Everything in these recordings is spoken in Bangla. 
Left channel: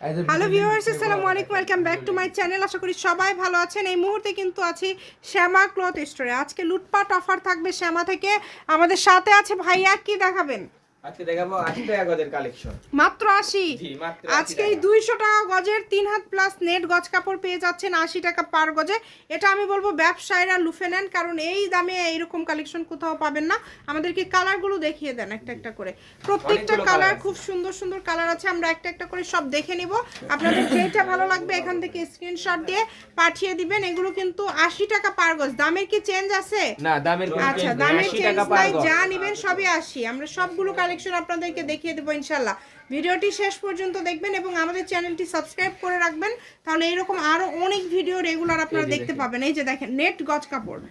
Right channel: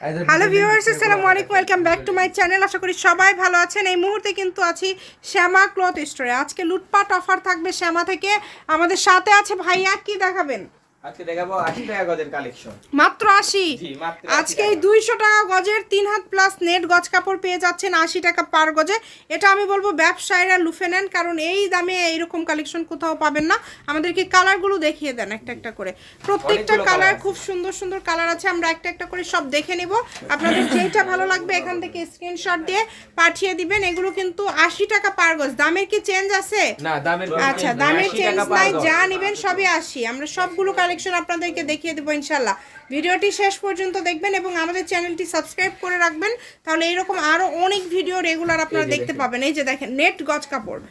হ্যালো ভিউয়ার্স, আসসালামু আলাইকুম, welcome back to my channel. আশা করি সবাই ভালো আছেন। এই মুহূর্তে কিন্তু আছি শ্যামা ক্লথ স্টোরে। আজকে লুটপাট অফার থাকবে শ্যামা থেকে। আমাদের সাথে আছে ভাইয়া, কি দেখাবেন? আজকে দেখাবো 80 টাকা গজের কালেকশন। মাত্র 80। জি, মাত্র আজকে এই 200 টাকা গজের 3 হাত প্লাস নেট গজ কাপড় পেয়ে যাচ্ছেন 80 টাকা পার গজে। এটা আমি বলবো ব্যবসায়ীরা লুফে নেন, কারণ এই দামে এইরকম কালেকশন কোথাও পাবেন না। আমাদেরকে কালারগুলো দেখিয়ে দেন একটা একটা করে। প্রত্যেকটা কালার খুব সুন্দর সুন্দর কালার আছে। আমরা একটা একটা করে সব দেখে নিব। আপনাদের যেটা ভালো লাগবে এখান থেকে স্ক্রিনশট দিয়ে পাঠিয়ে দিবেন। এগুলো কিন্তু 80 টাকা পার গজ। দামের কি চেঞ্জ আছে? না, দামের আচ্ছা, দামের চেঞ্জ নাই, যা নেবেন সবই 80। আমরা সবগুলো কালেকশন আপনাদেরকে দেখিয়ে দেবো ইনশাল্লাহ। ভিডিওটি শেষ পর্যন্ত দেখবেন এবং আমাদের চ্যানেলটি সাবস্ক্রাইব করে রাখবেন, তাহলে এইরকম আরও অনেক ভিডিও রেগুলার আপনারা দেখতে পাবেন। এই যে দেখেন, নেট গজ কাপড়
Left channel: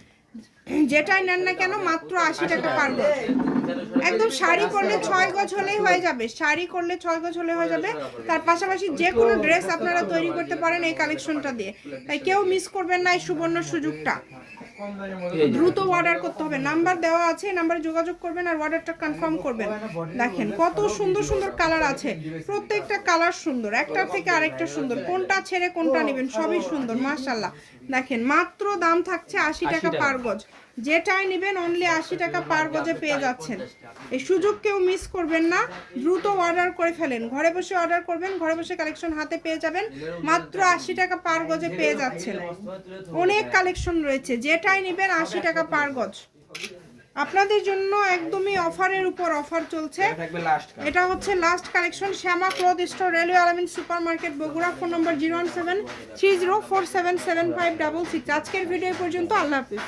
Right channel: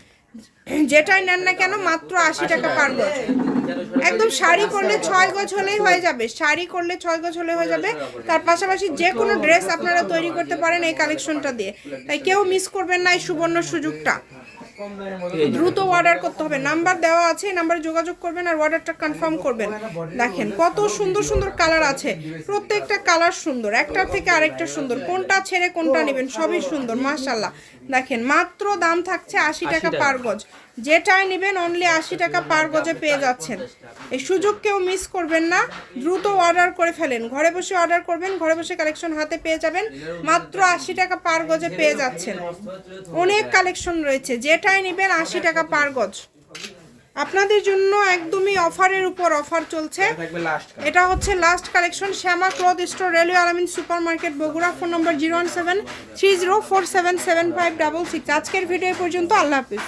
যেটাই নেন না কেন মাত্র 80 টাকা পার গজ। একদম শাড়ি করলে 6 গজ হলেই হয়ে যাবে, শাড়ি করলে 6 গজ হলে হয়ে যাবে। তার পাশাপাশি যে কোনো ড্রেস আপনারা তৈরি করতে পারেন এই কালেকশনটা দিয়ে। তাই কেউ মিস করবেন না এই সুবর্ণ সুযোগটা। দ্রুত অর্ডার করতে হবে, নাম্বার দেওয়া আছে, এই নাম্বারে যোগাযোগ করবেন আর অর্ডারটা কনফার্ম করবেন। দেখেন কত সুন্দর সুন্দর কালার আছে, প্রত্যেকটা কালার সুন্দর, একটার থেকে আরেকটা সুন্দর। কোনটা ছেড়ে কোনটা নেবেন, সবই সুন্দর মাশাআল্লাহ। দেখেন মাত্র দাম থাকছে 80 টাকা পার গজ। যেটাই নেবেন অনলি 80 টাকা পার গজে পেয়ে যাচ্ছেন। এই সুযোগ কেউ মিস করবেন না, দ্রুত অর্ডার করে ফেলেন। ঘরে বসে অর্ডার করবেন, ঘরে বসে কালেকশন হাতে পেয়ে যাবেন। মাত্র 80 টাকা পার গজে পেয়ে যাচ্ছেন। অনেক কালেকশন রয়েছে, যেটাই নেবেন 80 টাকা পার গজ। আপনাদের জন্য একদমই অফারের উপর অফার চলছে। এটা হচ্ছে লাস্ট কালেকশন, শ্যামা ক্লথ স্টোর, রেলওয়ে আলামিন সুপার মার্কেট, বগুড়া। ফোন নম্বর 01730477566। আজকের ভিডিও পর্যন্ত, আল্লাহ হাফিজ।